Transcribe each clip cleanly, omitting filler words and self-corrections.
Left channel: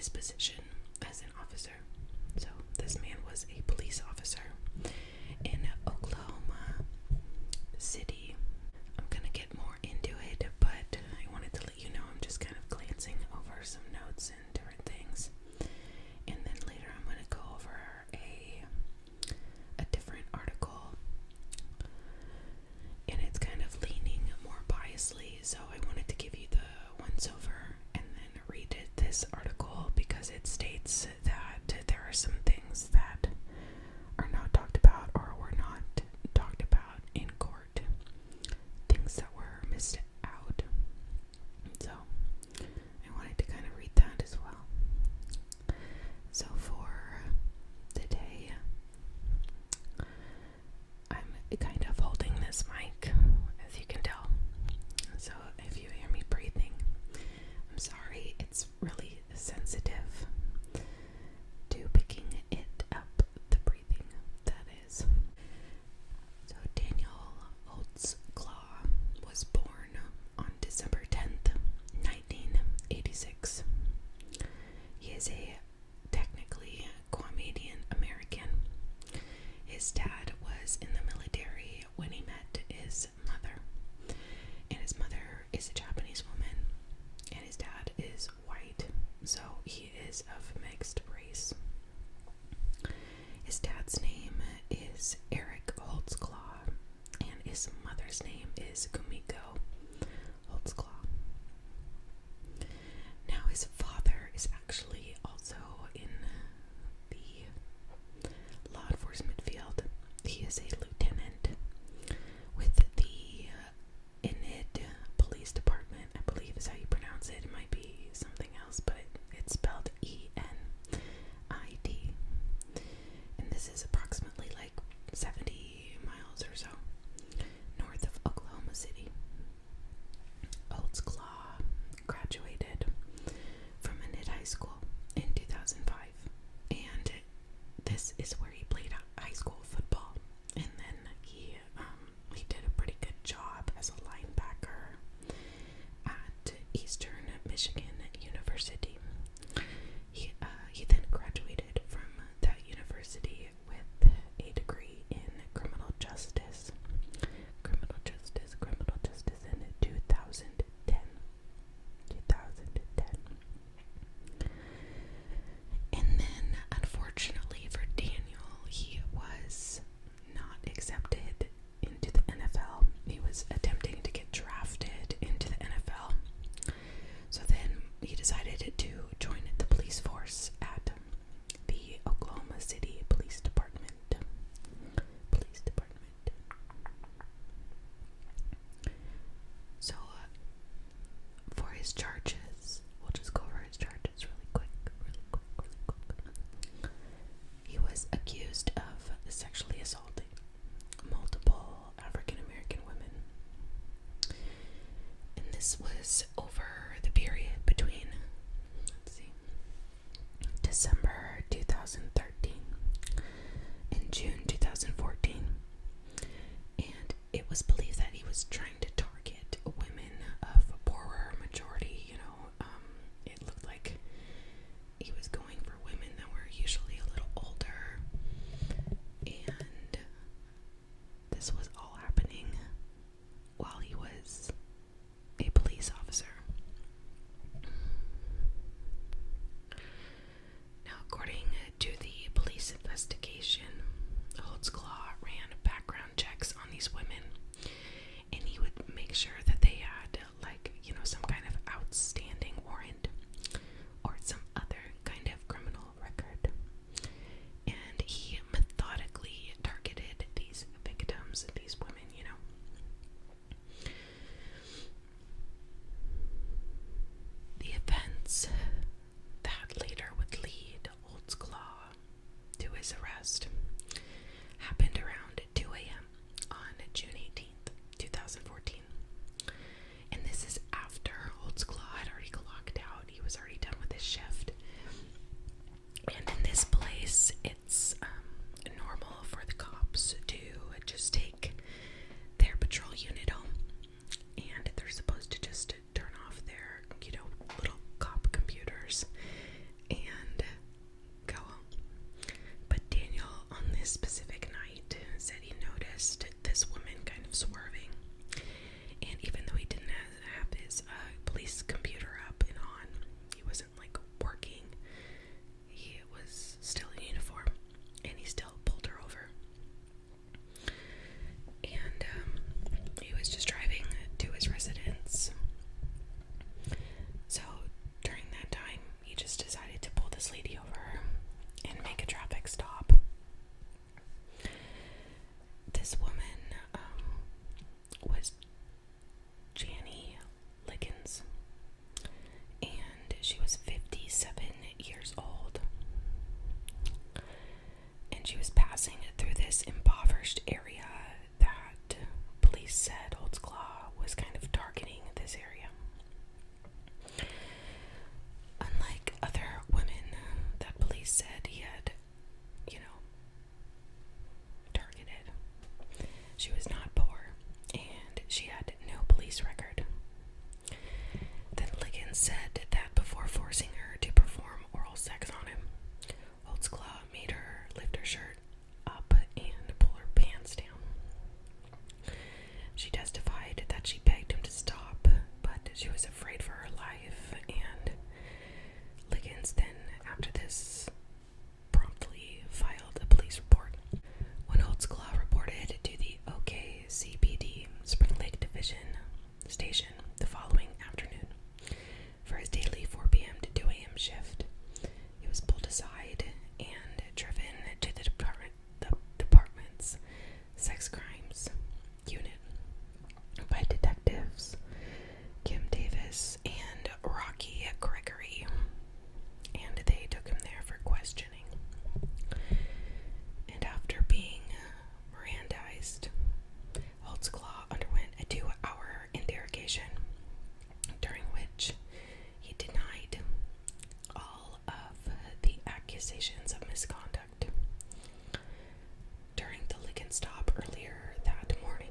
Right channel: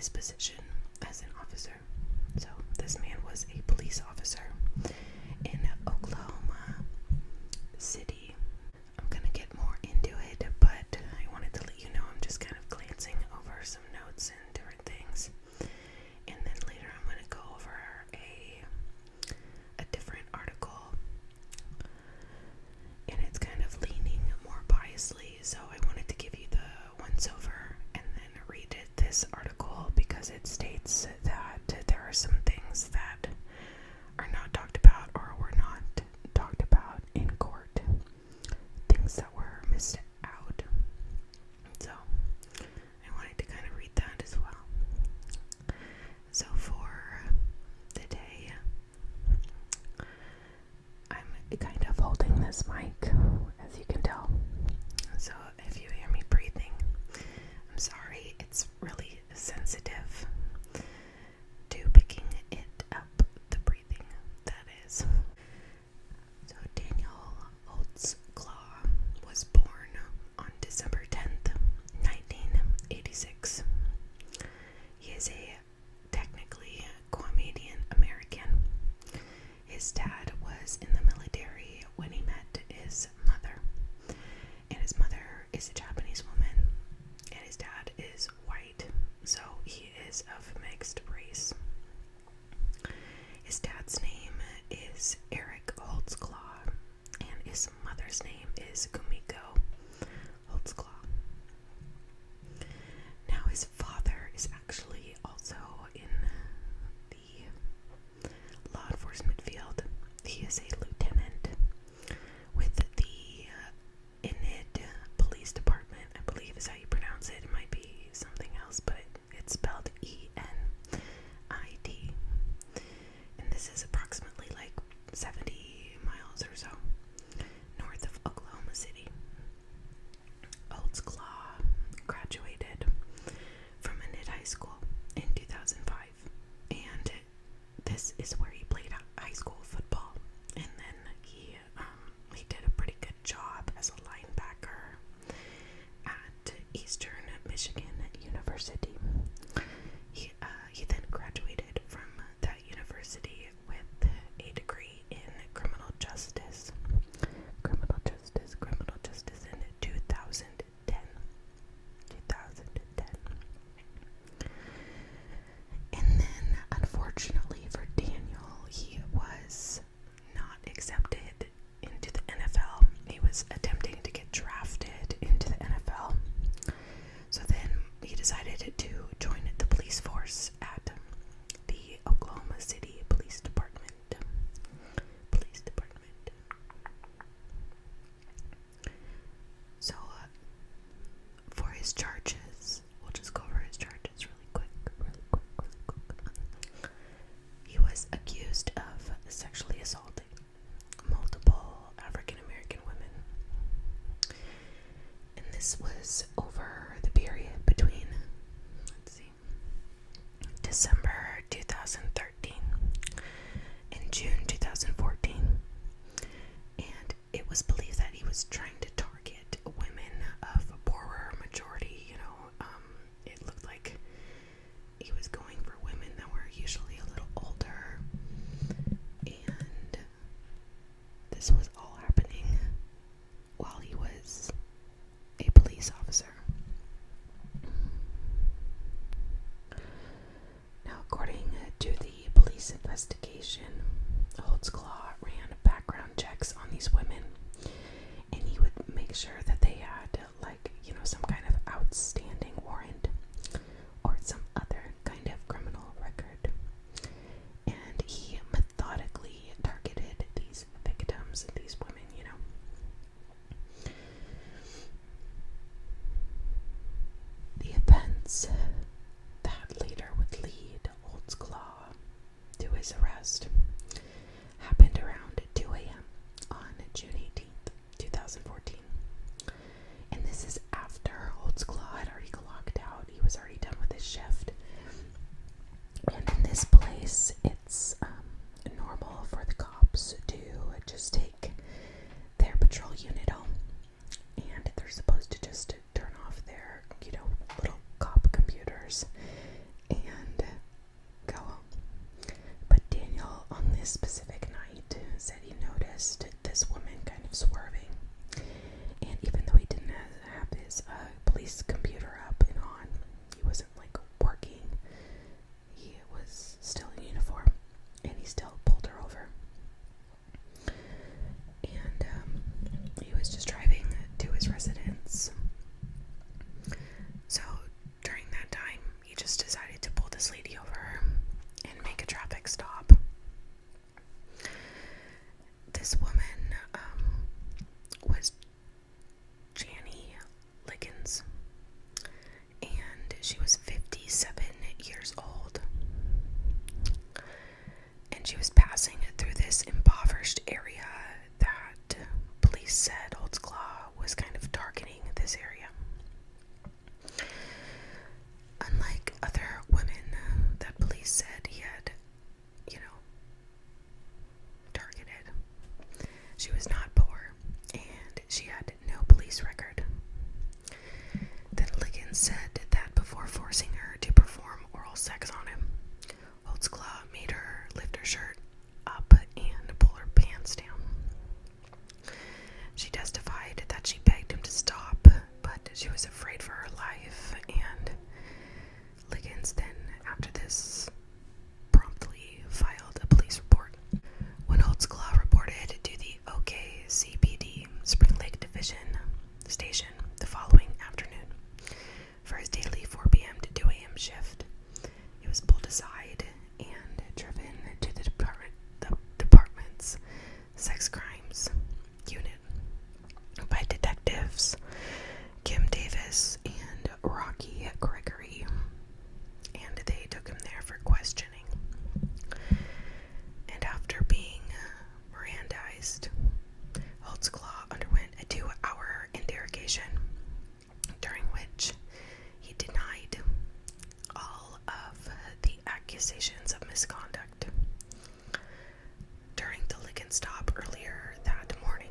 his position as an officer. So this man was a police officer in Oklahoma City. I'm gonna get more into it, but I wanted to let you know I'm just kind of glancing over some notes and different things. And then later I'm gonna go over a different article, and it's kind of leaning more biasly, so I wanted to give you the once over and then read this article because it states that there are some things that are not talked about or were not talked about in court, things that were missed out. So I wanted to kind of read that as well. So for today, I'm kind of holding this mic, as you can tell. So if you hear me breathing, I'm sorry. It's really sensitive to picking it up, the breathing, that is. So Daniel Holtzclaw was born on December 10th, 1986. He is technically Guamanian American. His dad was in the military when he met his mother, and his mother is a Japanese woman, and his dad is white, so he is of mixed race. His dad's name is Eric Holtzclaw, and his mother's name is Kumiko Holtzclaw. Now his father is actually also in the law enforcement field. He is a lieutenant with the Enid Police Department, I believe is how you pronounce it. It might be something else, but it's spelled ENID. And this is approximately like 70 miles or so north of Oklahoma City. Holtzclaw graduated from Enid High School in 2005, and this is where he played high school football, and then he did a pretty good job as a linebacker at Eastern Michigan University. He then graduated from that university with a degree in criminal justice in 2010. And then, unfortunately for Daniel, he was not accepted into the NFL. He was attempting to get drafted into the NFL. So then he decided to join the police force at the Oklahoma City Police Department. So for his charges, we'll just go over his charges really quick. He was accused of sexually assaulting multiple African American women. And this was over the period between, December 2013 and June 2014. And it was believed that he was trying to target women of a poorer majority. It looked like he was going for women that were usually a little older, and this was all happening while he was a police officer. Now, according to the police investigation, Holtzclaw ran background checks on these women, and he would was kind of targeting this area. Unlike other women that police said he had, targeted, she was not poor, and she had no police record. Then Liggins said that before forcing her to perform oral sex on him, Holtzclaw made her lift her shirt up and pull her pants down. She testified that she begged him to stop, but she was afraid for her life, and Liggins then, after this, promptly filed a police report. When Holtzclaw reported to the OKCPD Spring Lake Division Station the following afternoon for his daily 4 p.m. to 2 a.m. shift, he was pulled aside and driven to the department's sex crimes unit by detectives Kim Davis and Rocky Gregory, and they took him there for questioning. And after being Mirandized, Holtzclaw underwent a 2-hour interrogation, during which he denied all of the accusations of misconduct. During the Liggins stop earlier that morning,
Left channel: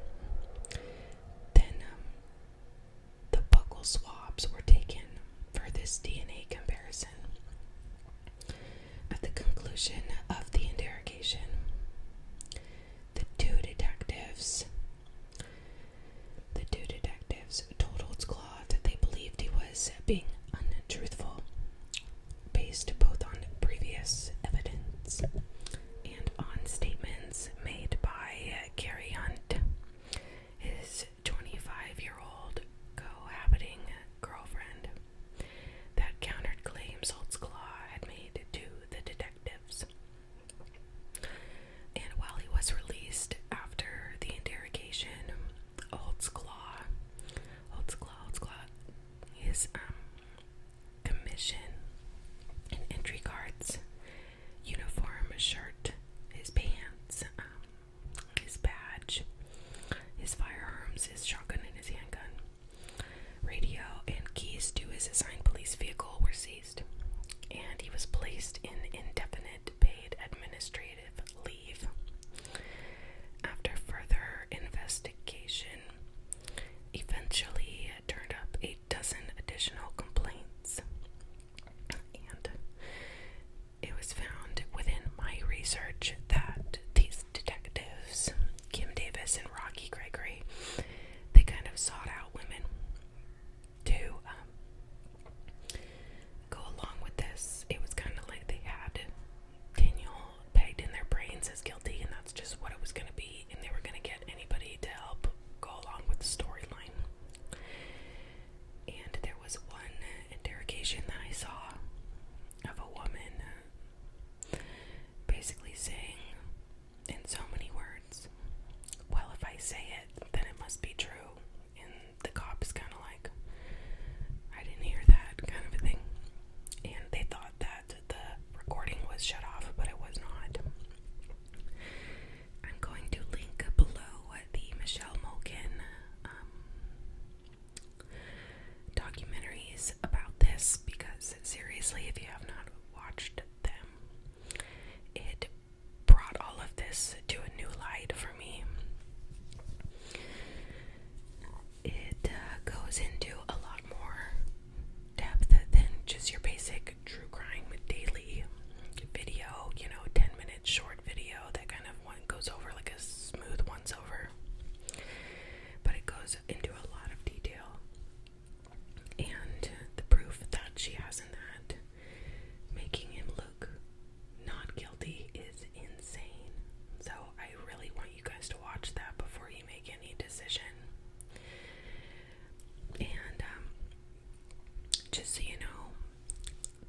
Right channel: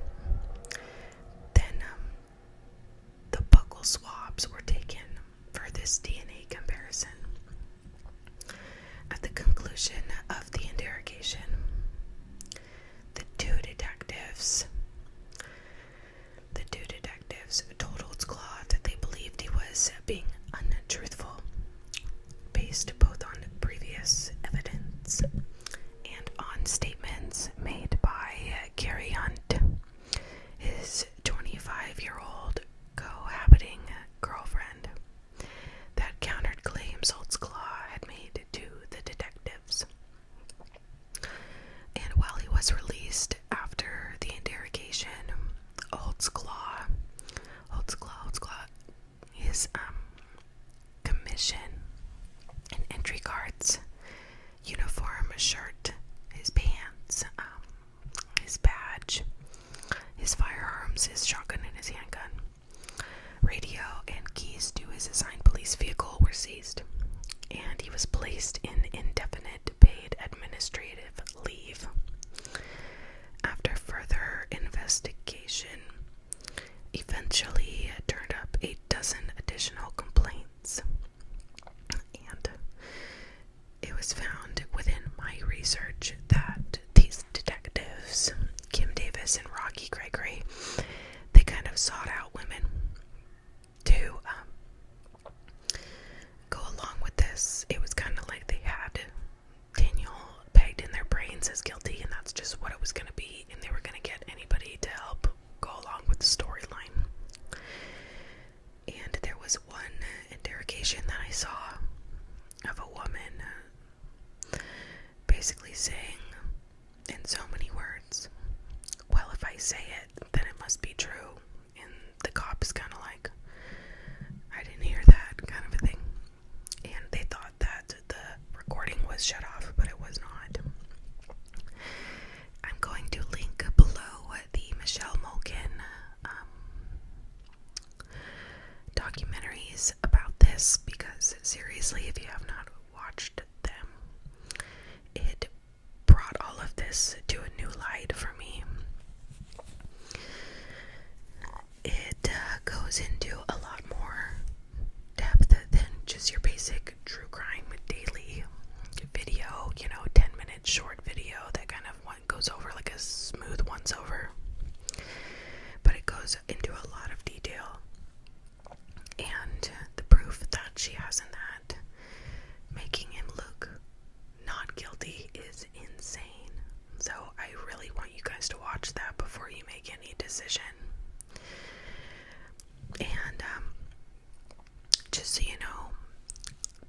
then the buccal swabs were taken for this DNA comparison. At the conclusion of the interrogation, the two detectives told Holtzclaw that they believed he was being untruthful, based both on previous evidence and on statements made by Gary Hunt, his 25-year-old cohabiting girlfriend, that countered claims Holtzclaw had made to the detectives. And while he was released after the interrogation, Holtzclaw, his commission and entry cards, uniform, shirt, his pants, his badge, his firearms, his shotgun and his handgun, radio, and keys to his assigned police vehicle were seized, and he was placed in indefinite paid administrative leave. After further investigation, eventually turned up 8 dozen additional complaints, and it was found within my research that these detectives, Kim Davis and Rocky Gregory, they kind of sought out women to go along with this. It was kind of like they had Daniel pegged in their brains as guilty, and that's just what it was going to be, and they were going to get anybody to help go along with the storyline. And there was one interrogation that I saw of a woman basically saying in so many words, well, if I say it, then it must be true. And the cop is kind of like, I didn't hear that, kind of a thing. And they thought that the recording was shut off, but it was not. I'm going to link below the Michelle Malkin documentaries about this, because seriously, if you have not watched them, it brought all of this to a new light for me. It goes into a lot more depth than just your basic true crime daily video, 10-minute short video that kind of goes over like a smooth once over. But it goes into a lot of detail, and the proof that she has in that, making him look not guilty, is insane. So I really want you guys to watch that before you make any decision. And just so you know,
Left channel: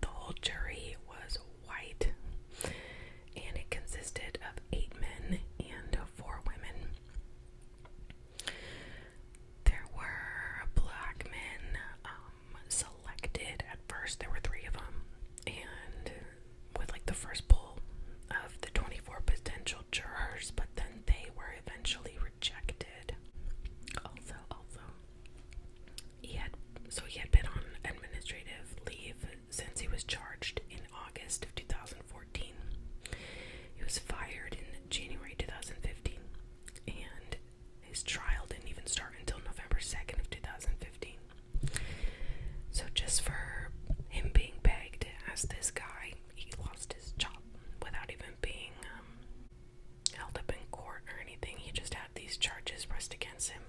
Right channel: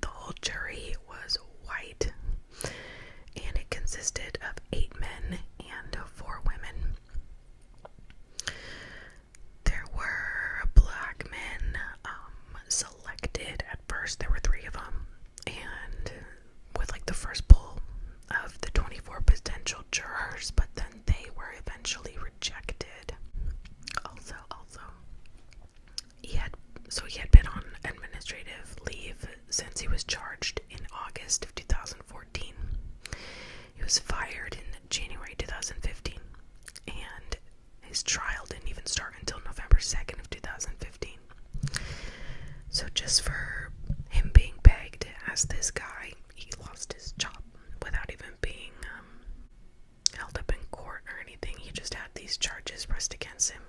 the whole jury was white, and it consisted of 8 men and was fired in January 2015, and his trial didn't even start until November 2nd of 2015. So just for him being pegged as this guy, he lost his job without even being held up in court or anything. He just had these charges pressed against him.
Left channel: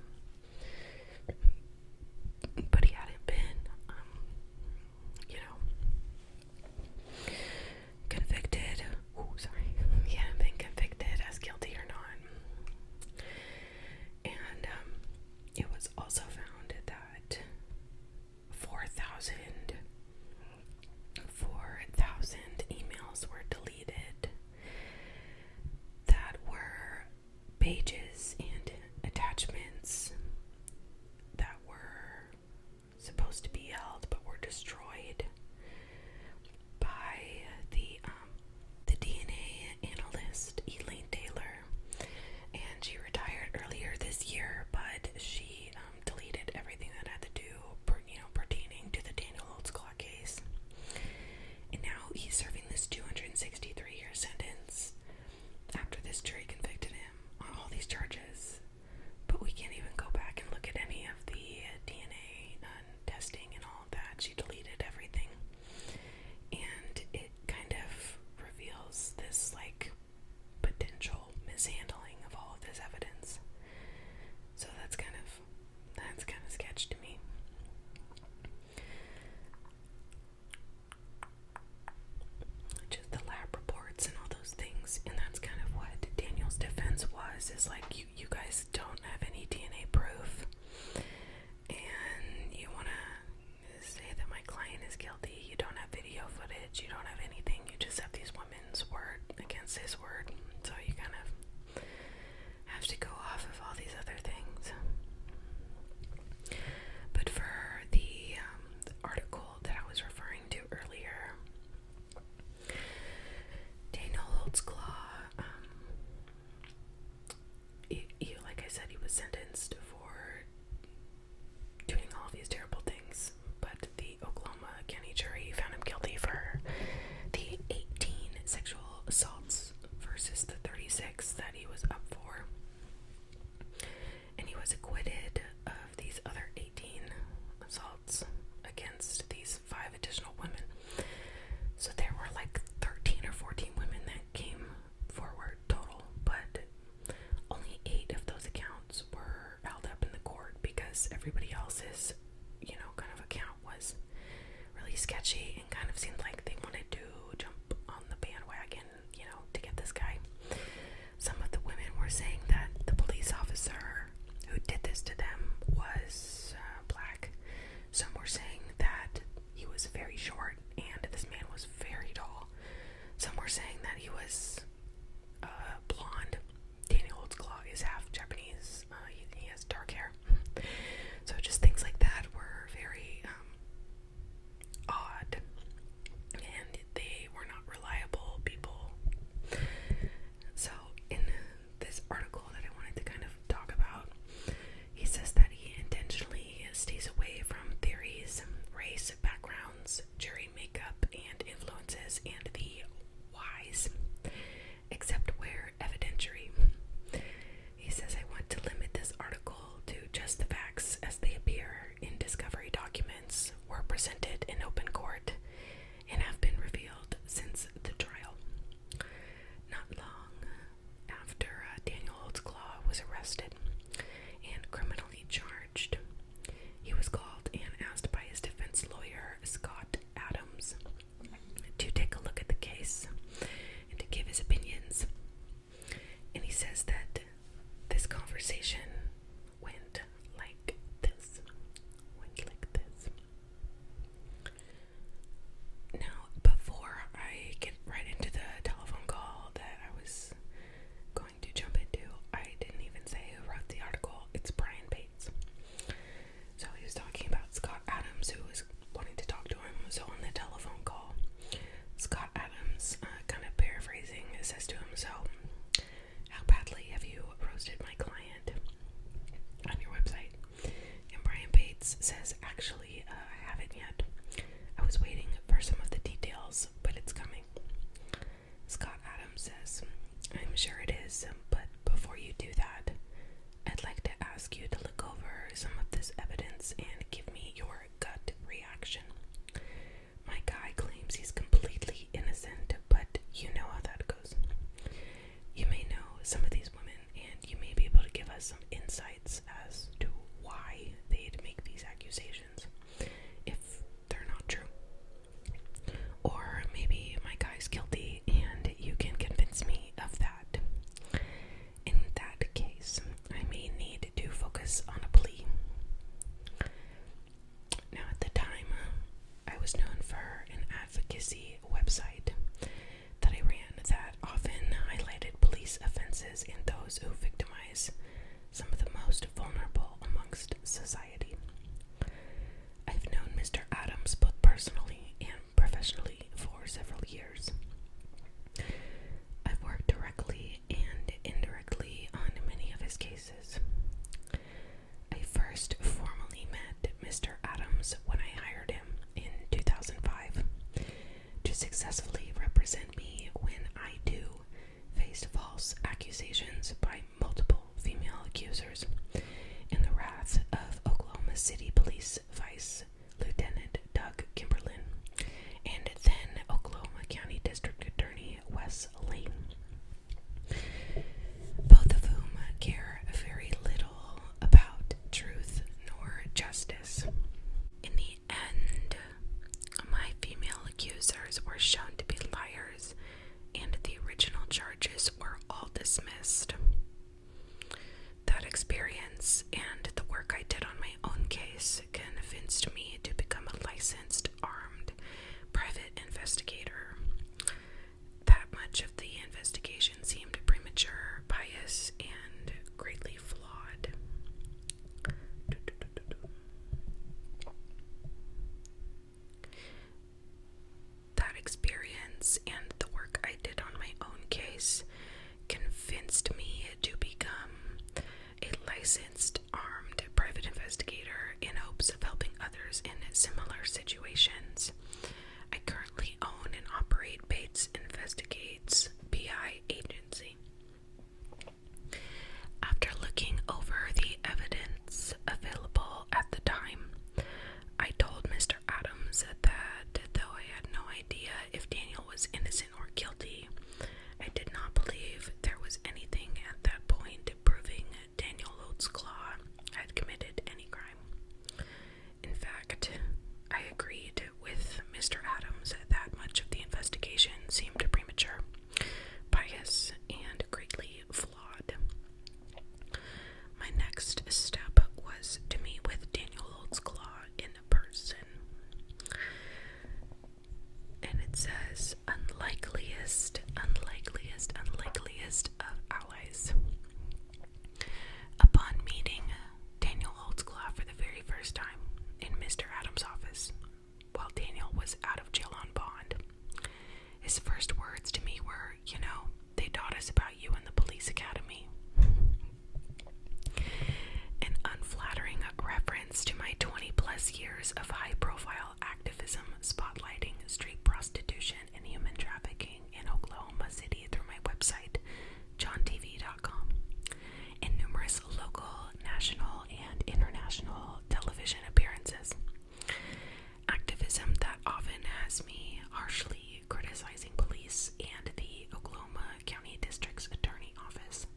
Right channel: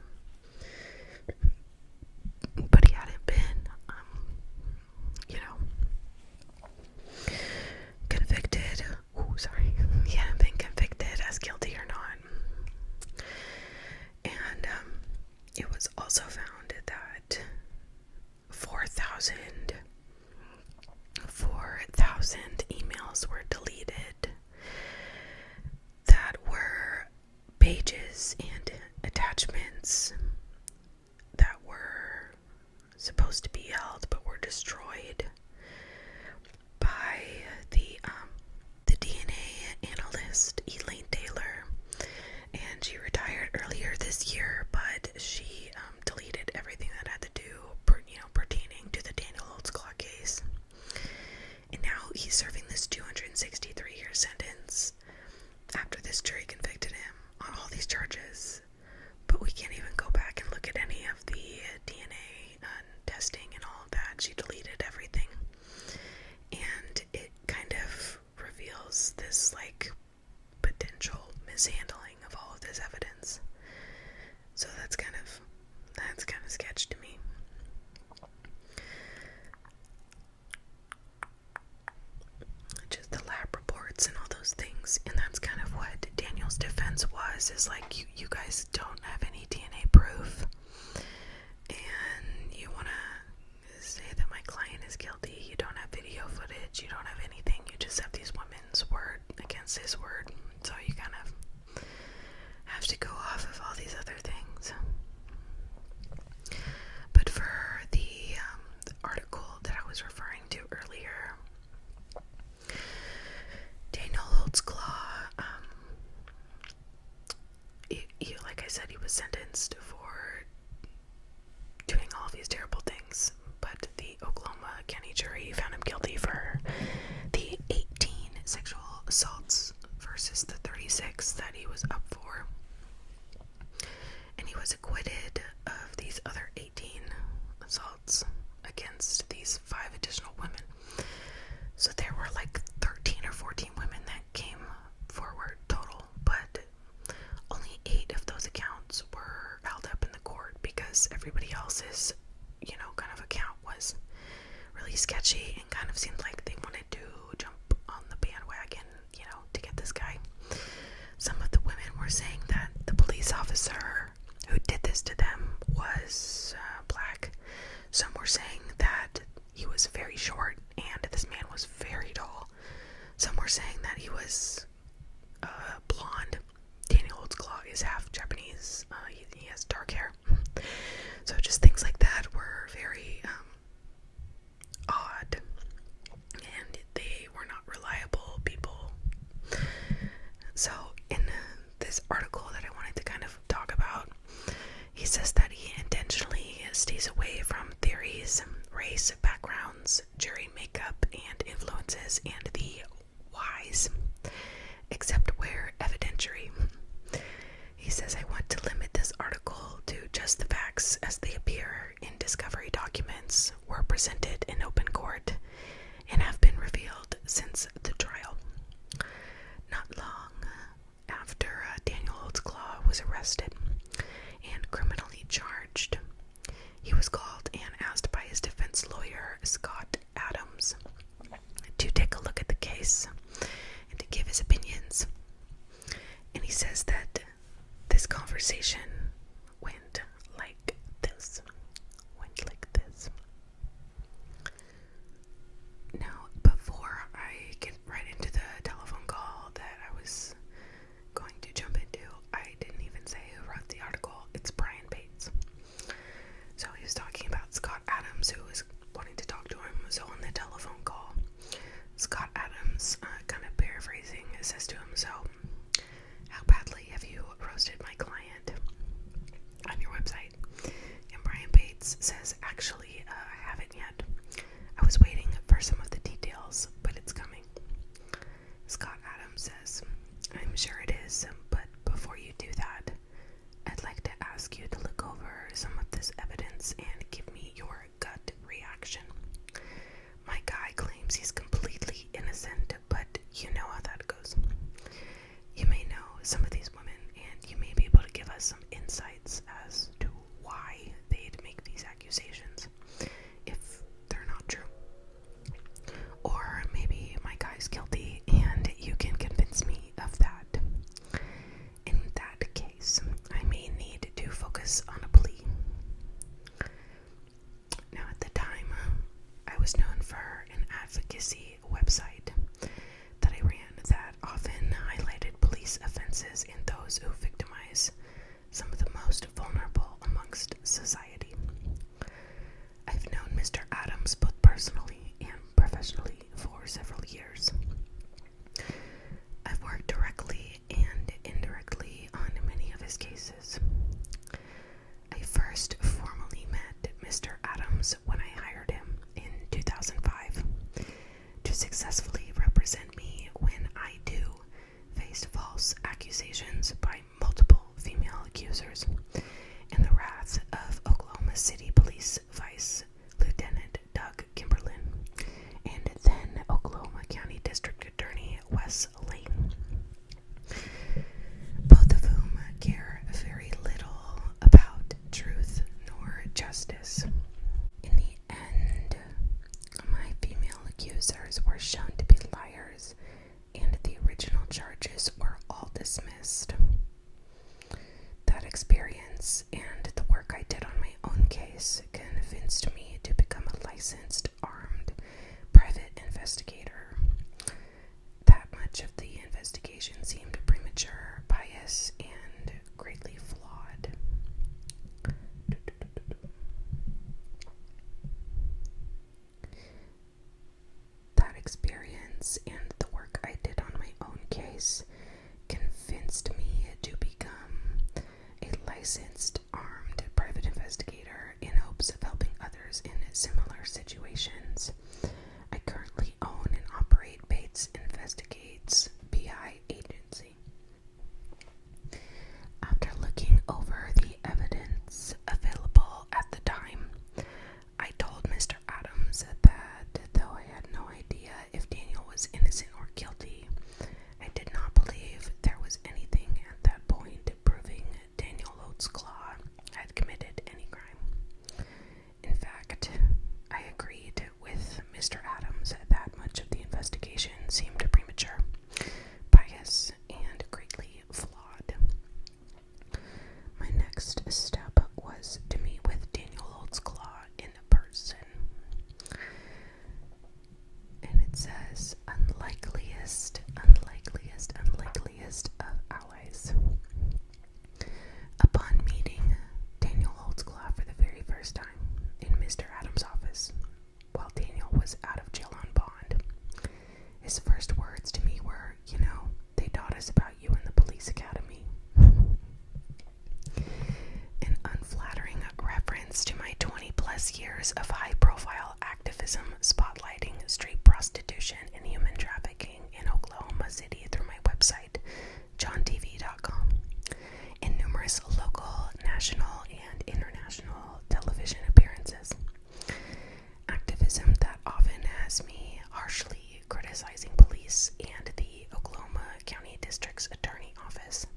But he hadn't been, convicted. He hadn't been convicted as guilty or not. And it was also found that 4,000 emails were deleted that were pages and attachments that were supposed to be held but were destroyed by the DNA analyst Elaine Taylor, and she retired earlier this year, but she deleted everything that had to do pertaining to the Daniel Holtzclaw case. And now he's serving this 263-year sentence after this jury convicted him on all these charges. But we can't even go back and look at any of the DNA testing and all of that. She deleted everything. And it kind of reveals this potential mishandling of all of this evidence. So that's kind of sketch to me. Just the lab reports and all those things, and that's kind of what Daniel's defense was, is you guys don't have any DNA proof, and you want to say that my client is guilty. You don't have video footage, you don't have anything, you just have these women's word against his word, so you kind of have to go off of all these other things. But for the article that I was referring to earlier, Daniel Holtzclaw, like I said, he was sentenced for doing all of these terrible things, but the Oklahoma County jury found him guilty for the 18 sexual assaults versus the 36 that he was up for. And he was acquitted of these other 18 assaults against these 5 additional women. So there were 13 or 14 women that came forward total, but only 8 of those accounts were held up in the court because everybody else's, kind of account was really sketchy and kind of seemed like they wanted to jump on the bandwagon, to get this guy. Some of the women were saying that the police officer who did this to them was black. Some were saying that he was very short and this man was very tall. Some were saying that he was blonde. Daniel Holtzclaw is half Japanese. He has dark hair. So just things like that were very odd, and they were not reliable people. So in this article that I wanted to kind of talk about, he says that he intentionally stays away from theories, race, backgrounds, jury makeup, and influences, and the whys, except where evidentiary. He says, I want to limit this article to just the facts as they appear in discovery documents, were presented in open court, and have been revealed since the trial. Not long after Daniel Holtzclaw was arrested and criminally charged, he was called and asked by his defense lawyer, Scott Adams, to take a look at the case and to give his opinions. And he says that this conversation went like this. Now, before I get right into the telephone call that I was going to jump into, I didn't even say who wrote the article. It's Brian Bates. So he was talking about Scott Adams, who was wanting to talk to him. So on the telephone call, Scott Adams, kind of paraphrasing, says to him, so how badly have you roasted my client on your website? And Brian Bates says, actually, I haven't yet. I was waiting for some of the details, but it's coming. Scott Adams says, evidence and give me your gut reaction. My guy claims he's completely innocent, but you know how that goes. You may know some of these women, and you may be able to give us some insights as to why they'd make these accusations, if they're not true. Or maybe my guy's guilty, and you can convince me of that. In that case, I may need to focus on a plea. Now, at the time, I was known for an advocacy website that I ran that often highlighted police offenses in those who victimize some of the most vulnerable amongst society. I've known Mr. Adams both personally and professionally for several years. I've worked directly and indirectly on many of his cases. I first formally met Mr. Adams when I hired him in 2005 to successfully represent me when I too faced false accusations by multiple female accusers in the wrath of Oklahoma City Police Vice Lieutenant Doug Kimberlin and then Oklahoma County District Attorney Wes Lane, both of whom care very little about truth nor justice. In the end, my female accusers were shown to be liars, and the original charges were all dismissed. That experience and the work I did on my own case convinced me to become a licensed, armed, private investigator. That much of the investigation seemed premature, biased, and greatly flawed. That experience and the work I did on my own case convinced me to become a licensed, armed, private investigator in hopes of helping others in similar situations. I currently own and operate Bates Investigates BI agency. After looking over the evidence available at the time, I told Mr. Adams that though I had no idea if Daniel was innocent or guilty, I did not believe there was anything at that point proving Daniel Holtzclaw had committed any crime. In fact, I agreed with Mr. Adams that much of the investigation seemed premature, biased, and greatly flawed. My next step was to meet with Daniel Holtzclaw in person. And it says, unlikeliest of allies. Upon meeting Daniel Holtzclaw for the very first time in Mr. Adams' office, while Daniel was out of jail on bond, his first words to me were, they taught us about you in the police academy. An unflattering reference to my 20-plus years of high-profile activism spotlighting street prostitution and human trafficking in Oklahoma City through my website, johntv.com, and numerous local, national, and international television appearances. Activism that often has me harshly criticizing police and the Oklahoma County District's Attorney Office.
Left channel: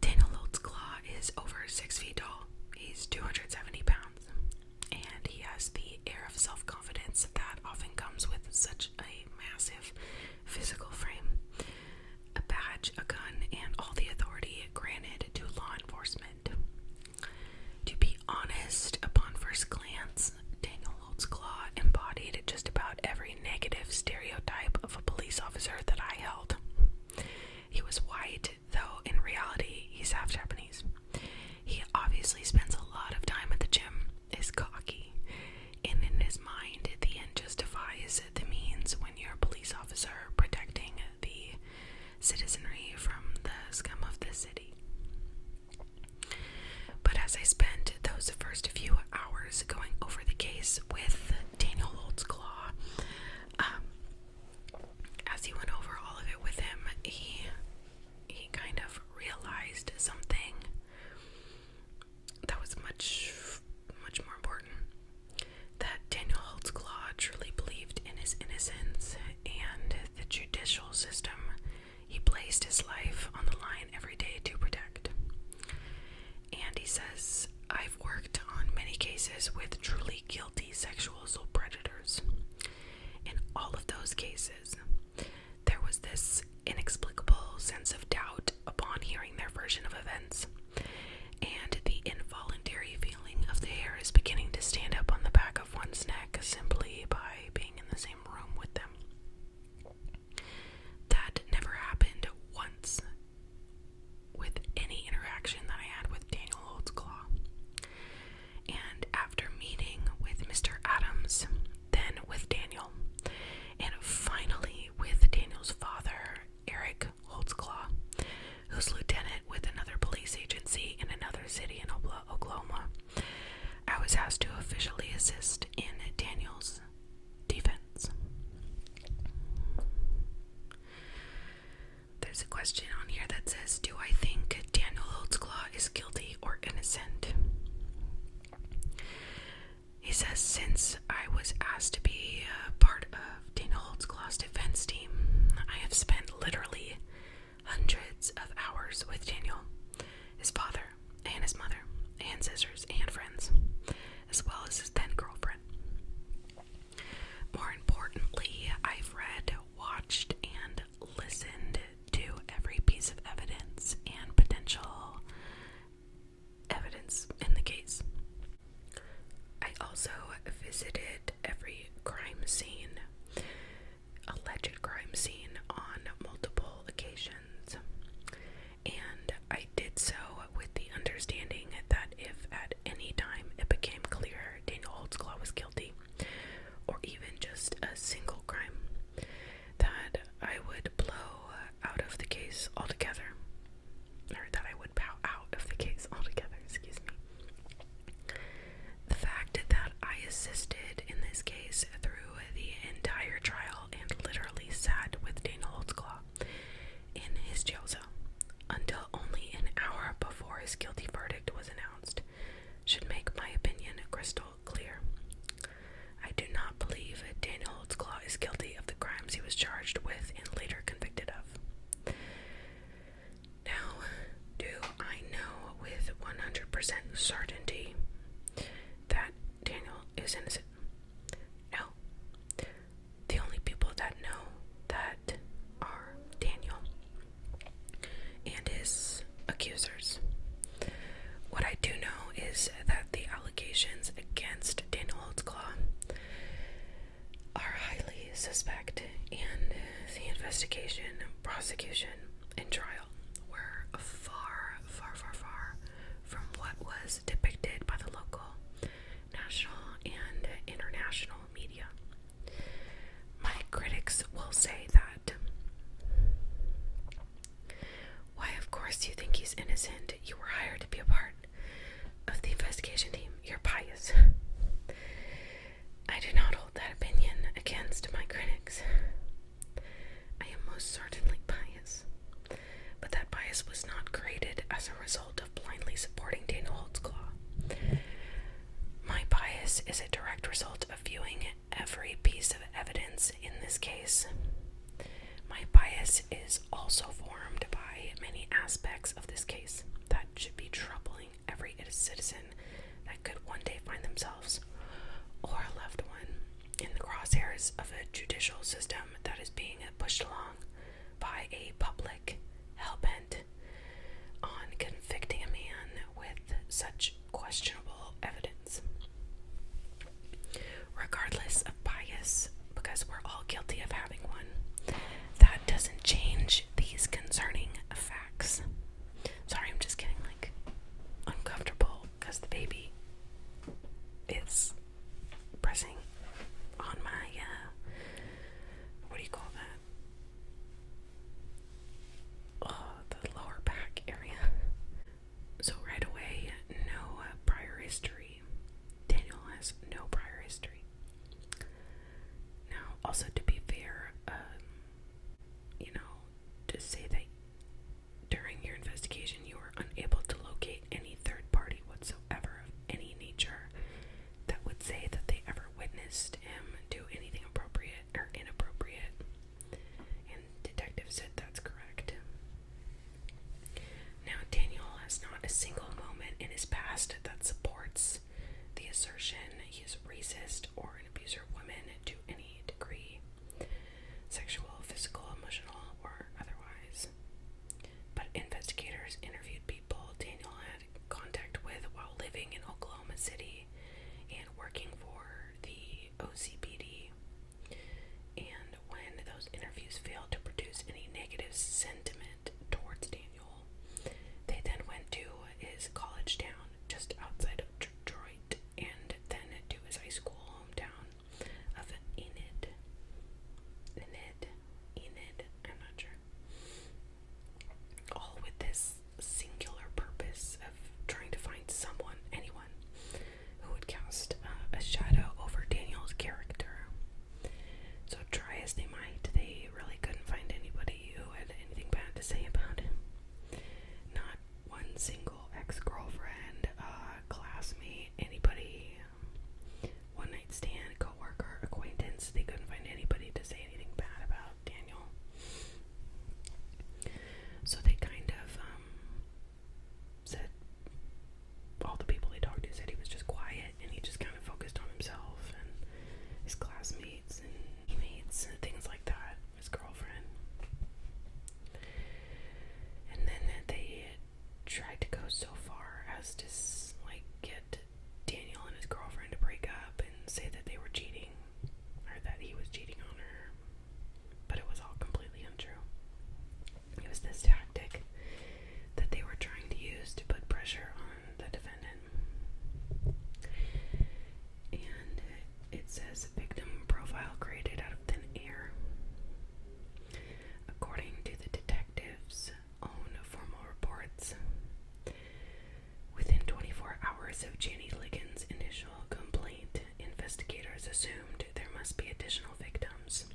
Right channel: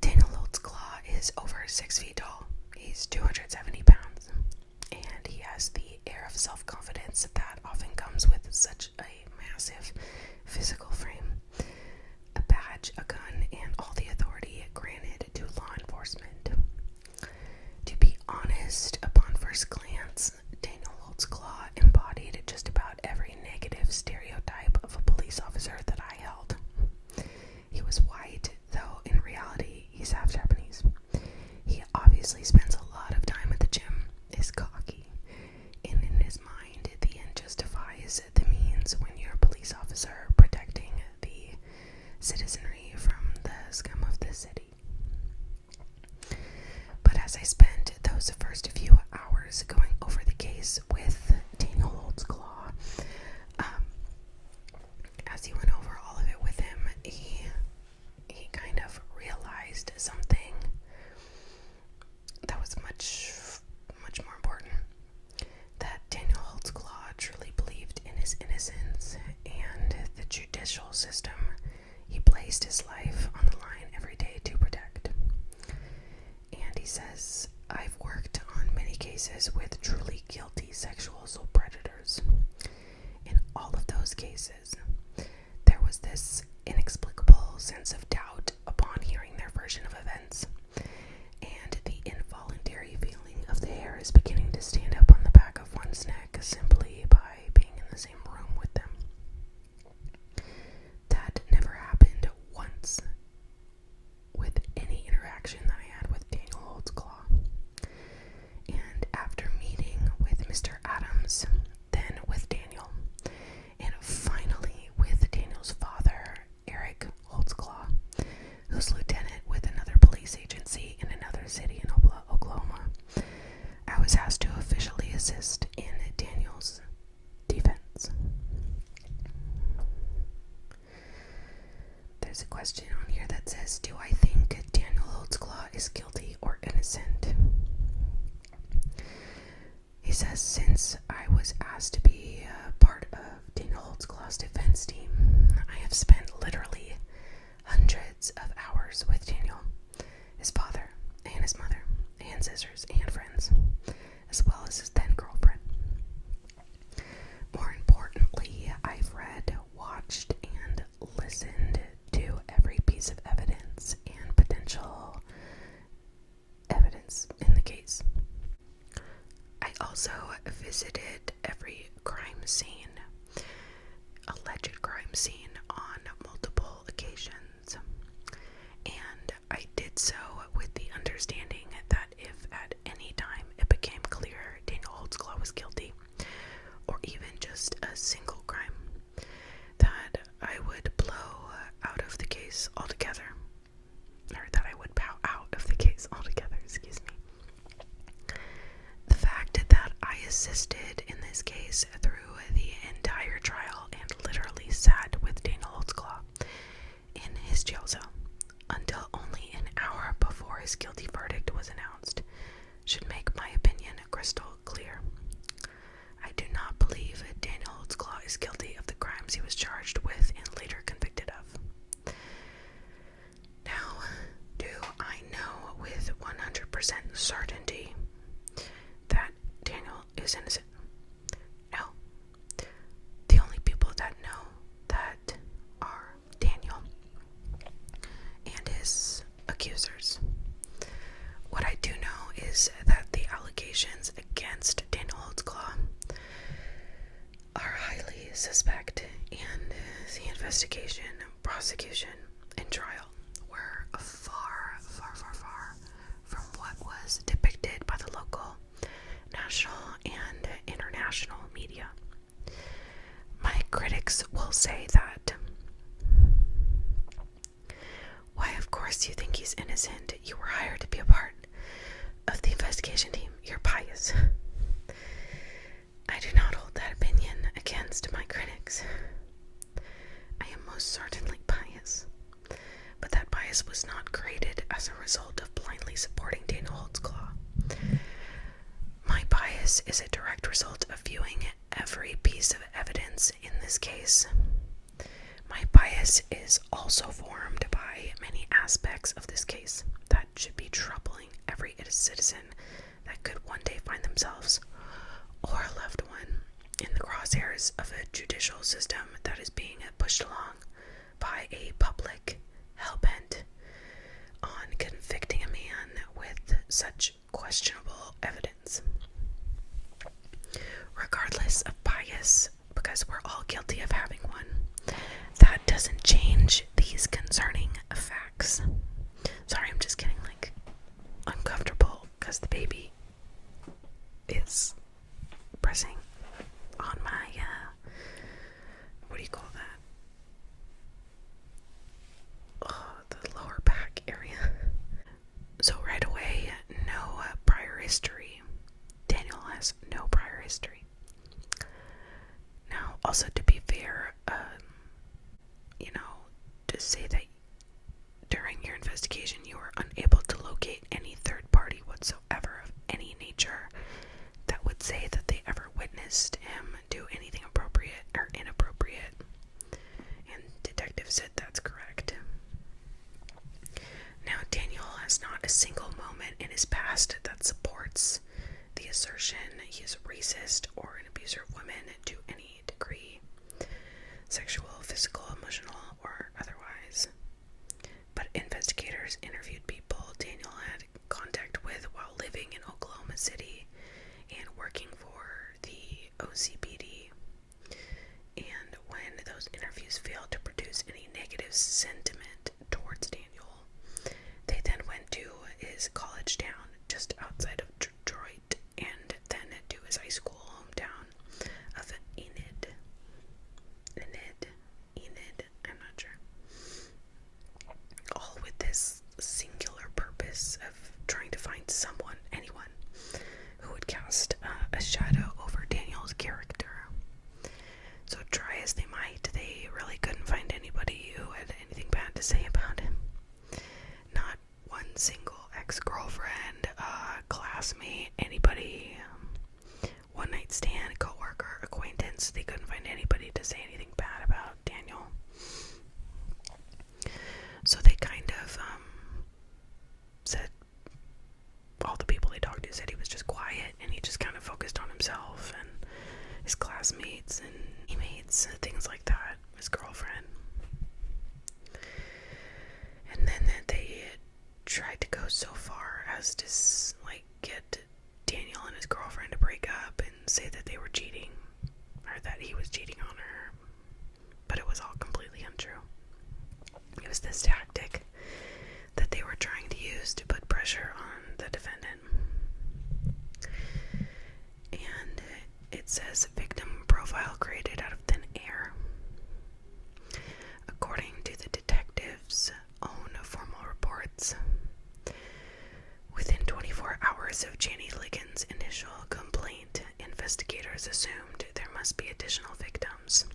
Daniel Holtzclaw is over 6 feet tall. He's 270 pounds, and he has the air of self-confidence that often comes with such a massive physical frame, a badge, a gun, and all the authority granted to law enforcement. To be honest, upon first glance, Daniel Holtzclaw embodied just about every negative stereotype of a police officer that I held. He was white, though in reality he's half Japanese. He obviously spends a lot of time at the gym, is cocky, and in his mind the end justifies the means when you're a police officer protecting the citizenry from the scum of the city. But as I spent those first few hours going over the case with Daniel Holtzclaw, as he went over all of it with him, he kind of realized something that was says, I've worked on many cases with truly guilty sexual assault predators. In all of those cases, there was this inexplicable sense of doubt upon hearing their version of events, and the involuntary feeling of the hairs beginning to stand up on the back of one's neck simply by being in the same room with them. That never happened once with any interaction that I had with Daniel Holtzclaw. And after meeting with Mr. Adams, then with Daniel, and finally with Daniel's father, Eric Holtzclaw, who's lieutenant with another police agency in another city in Oklahoma, I was asked to officially assist in Daniel's defense. There's a question on here that says, do I think Daniel Holtzclaw is guilty or innocent? He says, since I was asked to be part of Daniel Holtzclaw's defense team, I have spent literally hundreds of hours with Daniel, his father, and his mother, and sisters, and friends, as well as his then girlfriend. More importantly, I've read, watched, and listened to every piece of evidence and potential evidence in the case. I also visited every crime scene, alleged crime scene, on multiple occasions, and I did so with the understanding that if at any time it became clear Daniel Holtzclaw was guilty, or even just a single crime, that I would blow out of the case altogether, or that I would bow out of the case altogether, excuse me. The fact that I assisted in this case through the entire trial and literally sat with Daniel Holtzclaw in his jail cell until only an hour before his guilty verdict was announced should make my opinion crystal clear. I do not believe Daniel Holtzclaw is guilty of the crimes he was charged with and later convicted of. Now, do I know with 100% certainty that Daniel is innocent? No. The only people that know that are Daniel and his accusers. What I do know is that the allegations against Daniel Holtzclaw are highly suspect, and the investigation, prosecution, and trial were far, far, far, far from what was depicted by the local, national, and international media. My critics will say that, why, of course you think he's innocent. You were hired to be a part of the investigation team. You're biased. I do not hold that opinion against my critics. I am most certainly biased, but that bias was not created as a result of blindly supporting Daniel Holtzclaw. My bias is a direct result of viewing every piece of evidence in this case. My bias is also formed by many aspects of this case that should be troubling every citizen that could one day find themselves or a loved one in the crosshairs of a judicial system that is being pushed along by a public hell-bent on convicting a man with such questionable evidence. Regardless of bias, because we're all guilty of having one, that doesn't change these concerning facts. Sorry, I'm just getting uncomfortable because the baby is pressing on my, what do you call that? Oh, the lower back area. So right away, no prior history. Daniel has no prior history. Now, also to be fair, to say that during your investigation you were unable to locate any third party whatsoever of any nature that would say that they ever witnessed him do anything appropriate or inappropriate. And detective said that's correct. Now, Daniel has is not a single moment in his past that supports the assertion he is racist or an abuser of women to any degree, sexual, physical, emotional, or otherwise. But investigators interviewed people Daniel had contact with while living in Oklahoma City and working for the OCPD. And when those interviews failed to produce any negative sentiment towards Daniel, they then went to his college town just outside of Detroit and then to his high school hometown of Enid, I'm not sure. All with this singular purpose of trying to find anyone, who would cast a shadow over Daniel's character. So try as they might, they really couldn't find anybody who had anything bad to say about him. Not one single ex-girlfriend, classmate, anybody, one-night stand, co-worker, acquaintance. They couldn't find anybody to say anything bad about Daniel. So they kind of said, all the people they talked to said he was just quiet and he just kind of focused on himself and his classmates and teammates and things like that, his girlfriend. And then they tried to go so far as to get Daniel and his girlfriend to break up and say that they were cheating, or that he was cheating on her, but it was all completely untrue. It was this tactic that they were trying to use to put pressure on the defendant. And it says victim profile created out of thin air. According to the detective's own formal reports, within 24 hours of Janie Ligon's initial complaint, investigators assumed there must be additional victims.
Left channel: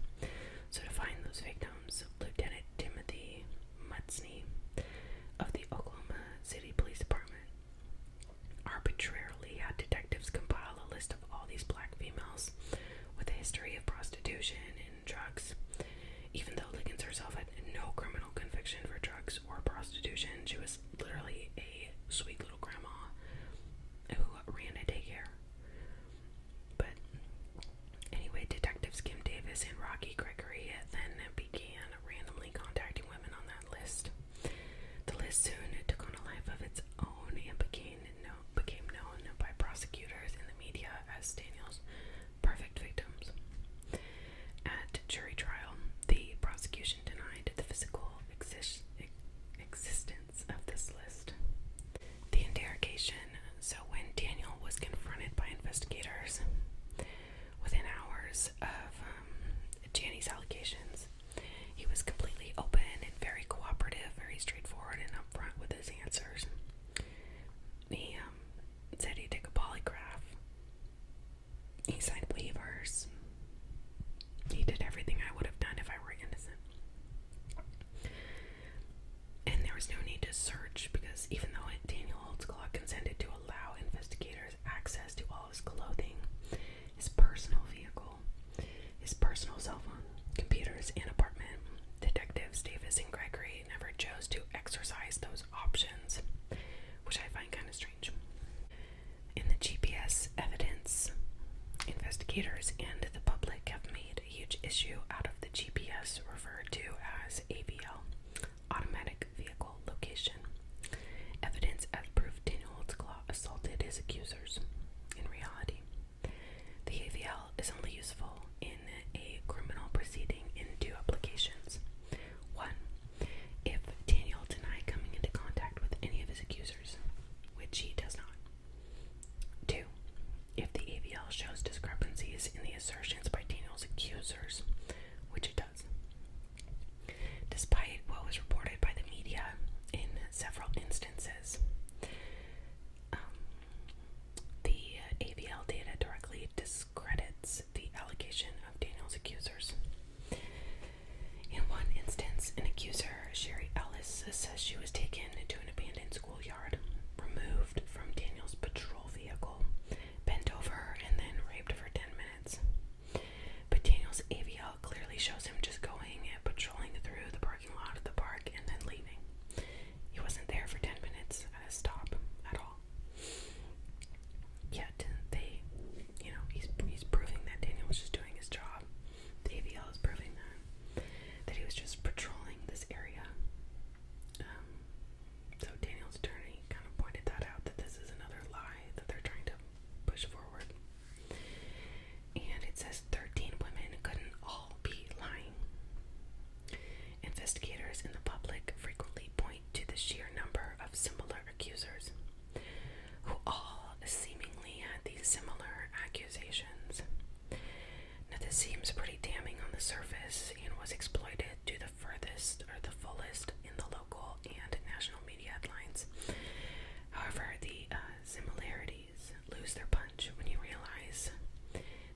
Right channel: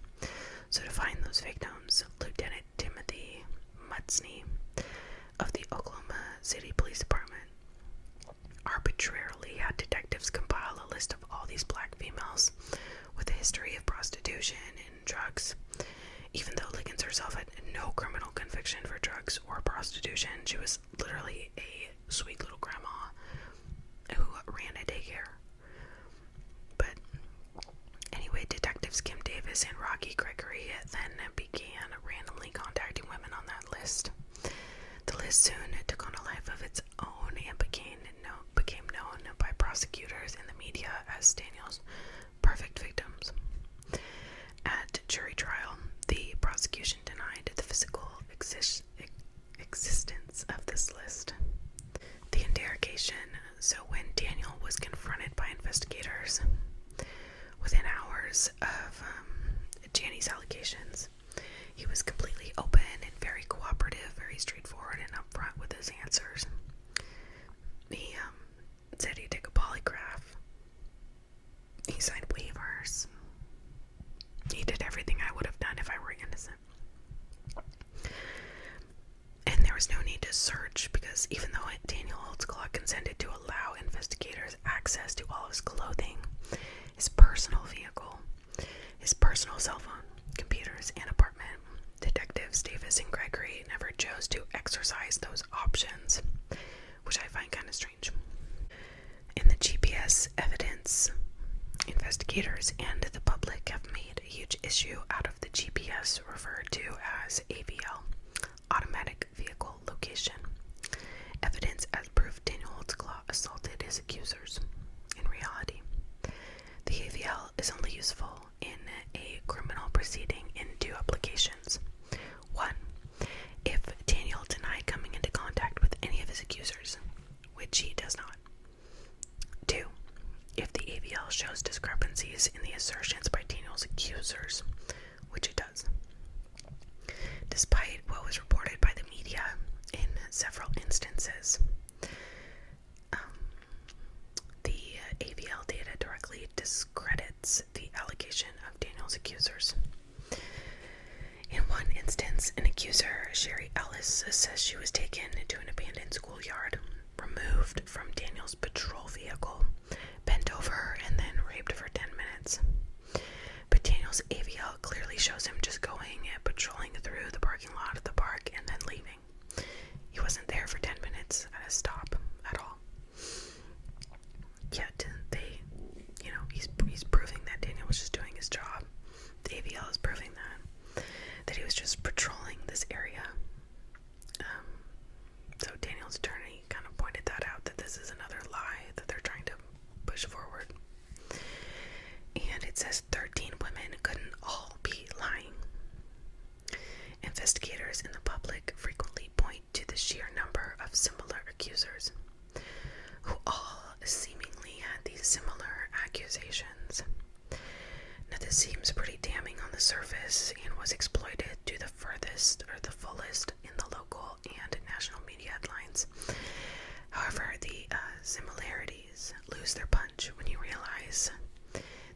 So to find those victims, Lieutenant Timothy Mutsney of the Oklahoma City Police Department arbitrarily had detectives compile a list of all these black females with a history of prostitution and drugs. Even though Liggins herself had no criminal conviction for drugs or prostitution, she was literally a sweet little grandma who ran a daycare. But anyway, detectives Kim Davis and Rocky Gregory then began randomly contacting women on that list. The list soon took on a life of its own and became known by prosecutors and the media as Daniel's perfect victims. At jury trial, the prosecution denied the physical existence of this list. The interrogation. So when Daniel was confronted by investigators within hours of Janie's allegations, he was completely open and very cooperative, very straightforward and upfront with his answers. He said he'd take a polygraph. He signed waivers. He did everything I would have done if I were innocent. And there was no need to search because even though Daniel Holtzclaw consented to allow investigators access to all of his clothing, his personal vehicle, his personal cell phone, computers, and apartment, detectives Davis and Gregory never chose to exercise those options, which I find kind of strange. In the GPS evidence, investigators and the public have made a huge issue out of the GPS referred to as AVL, Automatic Vehicle Location. Evidence as proof Daniel Holtzclaw assaulted his accusers. In reality, the AVL is only useful in a criminal proceeding in two applications. One, if Daniel denied coming into contact with any of his accusers, which he does not. Two, if the AVL shows discrepancies in the assertions by Daniel's accusers, which it does. Despite what was reported by the media in several instances, the AVL data directly discredits the allegation of Daniel's accusers. In one instance, an accuser, Sherry Ellis, says she was taken to an abandoned schoolyard, removed from Daniel's patrol vehicle, bent over, and then raped for 10 minutes. But Daniel's AVL clearly shows him just going and patrolling through the parking lot of the park and then leaving. He wasn't there for 10 minutes at a accusations. Now, this seems pretty damning on the surface and was exploited to the furthest or the fullest in the local and national media headlines. However, the similarities lose their punch when you realize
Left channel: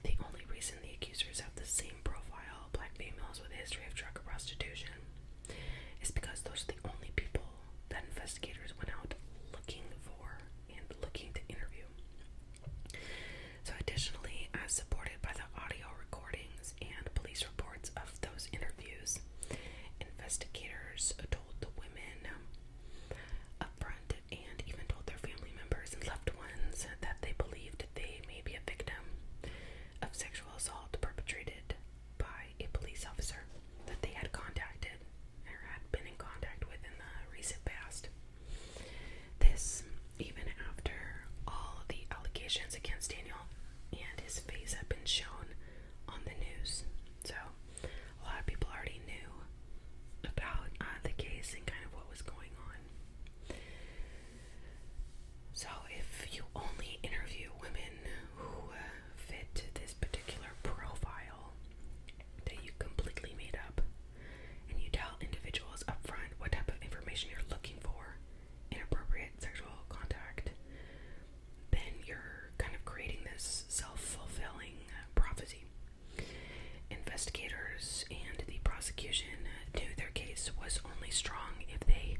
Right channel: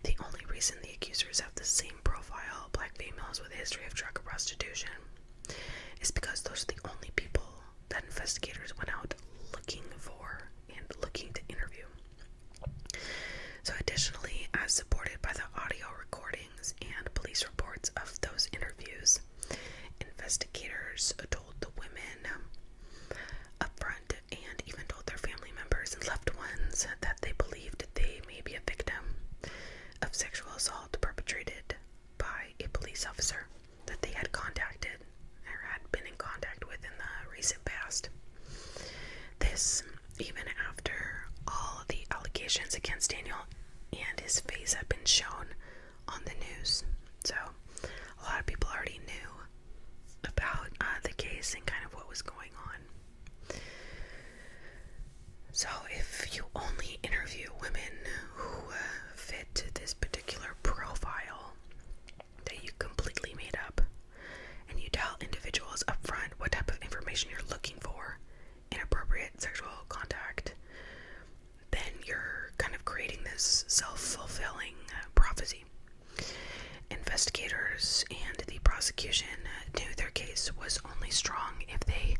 the only reason the accusers have the same profile, black females with a history of drug or prostitution, is because those are the only people that investigators went out looking for and looking to interview. So additionally, as supported by the audio recordings and police reports of those interviews, investigators told the women up front and even told their family members and loved ones that they believed they may be a victim of sexual assault perpetrated by a police officer that they had contacted or had been in contact with in the recent past. This even after all the allegations against Daniel and his face have been shown on the news. So a lot of people already knew about the case and kind of what was going on. So if you only interview women who fit this particular profile that you completely made up, and you tell individuals up front what type of information you're looking for, inappropriate sexual contact, then you're kind of creating this self-fulfilling prophecy. Investigators and the prosecution knew their case was only strong if they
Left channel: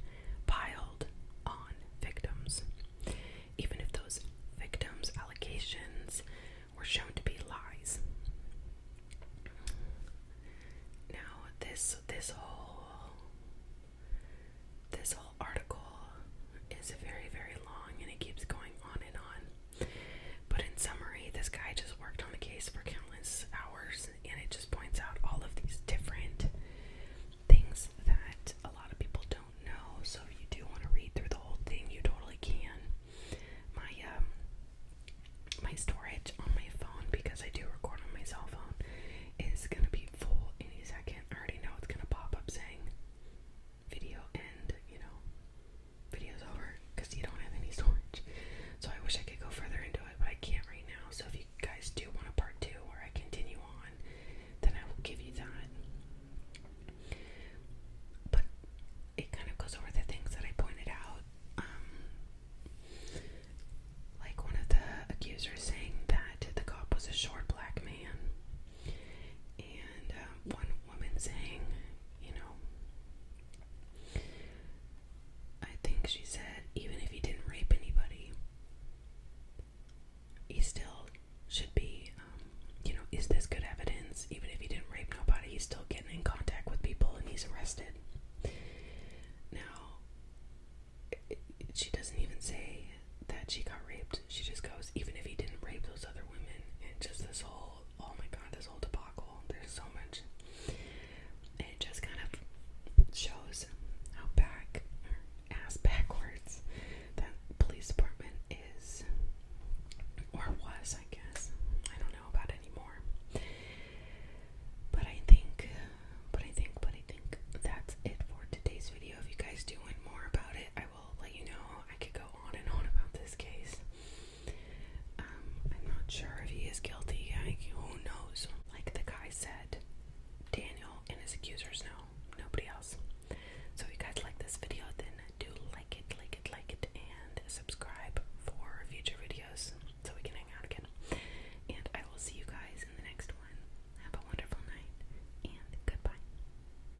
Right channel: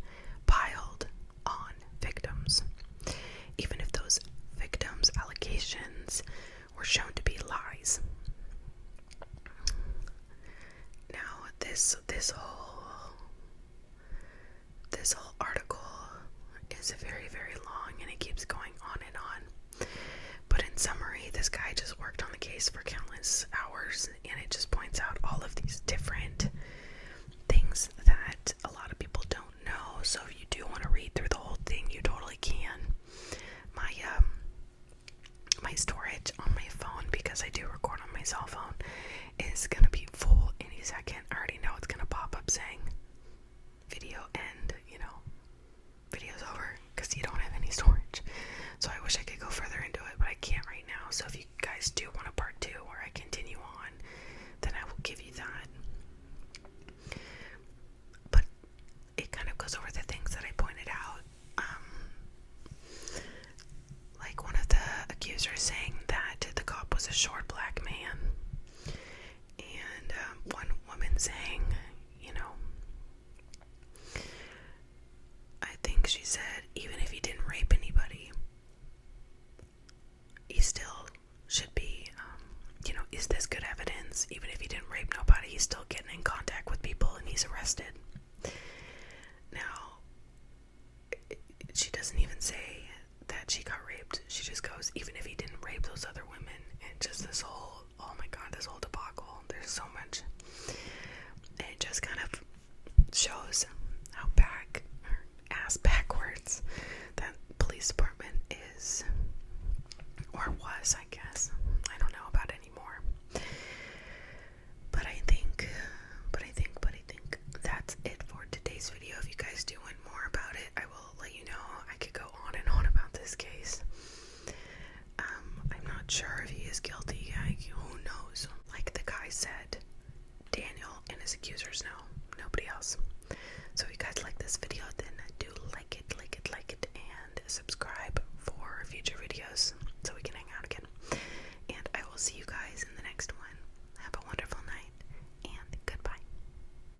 piled on victims, even if those victims' allegations were shown to be lies. Now, this whole article is very, very long, and it keeps going on and on. But in summary, this guy just worked on the case for countless hours, and it just points out all of these different things that a lot of people don't know. So if you do want to read through the whole thing, you totally can. My storage on my phone, because I do record on my cell phone, is gonna be full any second. I already know it's gonna pop up saying video end, video's over, because you don't have any storage. So I wish I could go further into it, but I can't right now. So if you guys do want a part 2 where I continue on, then I will give you that. But it kind of goes over the things that I pointed out. Like one of the accusers saying that the cop was a short black man, and one woman saying, I think she said, even if he didn't rape anybody, he still should be, is this good evidence? Even if he didn't rape nobody, he's still getting in contact with people and he's arrested. Now, she doesn't even say that she got